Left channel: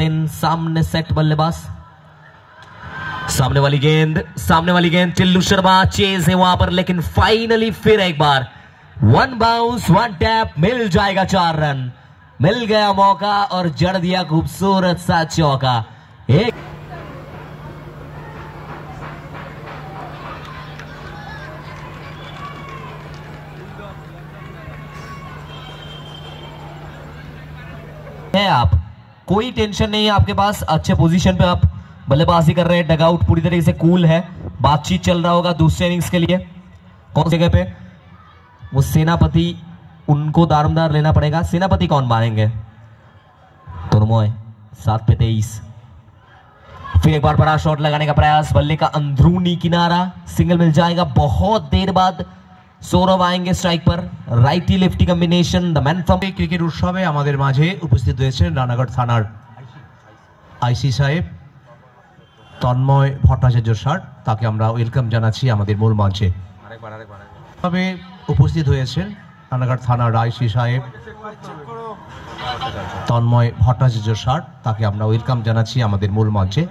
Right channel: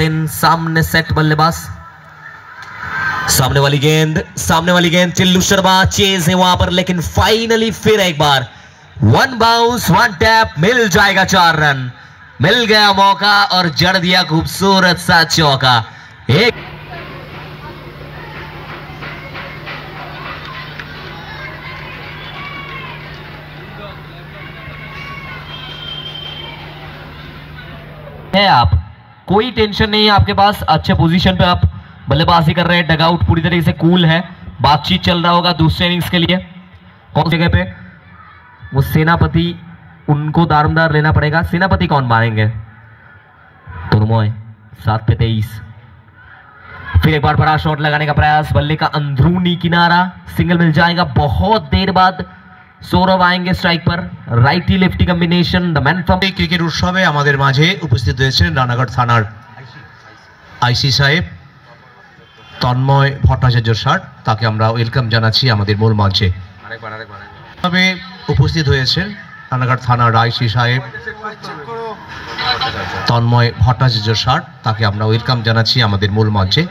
यासिन सामने सेट बल्लेबाज, सामने वाली गेंद चिल्लू शर्मा चेज है वहां पर, लेकिन फाइनली फिर एक बार वन बाउंस वन टैप, मिल जाएगा 4 रन, मिल गया मौका और जड़ दिया खूबसूरत सा चौका। एक है, आप कोई टेंशन नहीं है आपके पास, अच्छे पोजीशन पे आप बल्लेबाजी कर रहे हैं, डगआउट पूरी तरीके से कूल है, बातचीत चल रहा होगा दूसरे इनिंग्स के लिए। कौन सी जगह पे वो सेनापति, उनको दारोमदार लेना पड़ेगा। सेनापति कौन मारेंगे? तुर्मोय 7 पे 23। फिर एक बार बड़ा शॉट लगाने का प्रयास, बल्ले का अंदरूनी किनारा, सिंगल मिल जाएगा। बहुत देर बाद सौरभ आएंगे स्ट्राइक पर, righty lefty combination. The man from cricket उत्सवे आमादेर माझे उपस्थित हয়েছেন রানাঘাট থানার আইসি সাহেব তন্ময় ভট্টাচার্য স্যার, তাকে আমরা ওয়েলকাম জানাচ্ছি আমাদের মূল মঞ্চে। তবে উপস্থিত হয়েছেন রানাঘাট থানার আইসি সাহেব তন্ময় ভট্টাচার্য স্যার, তাকে আমরা ওয়েলকাম জানাচ্ছি আমাদের মূল মঞ্চে।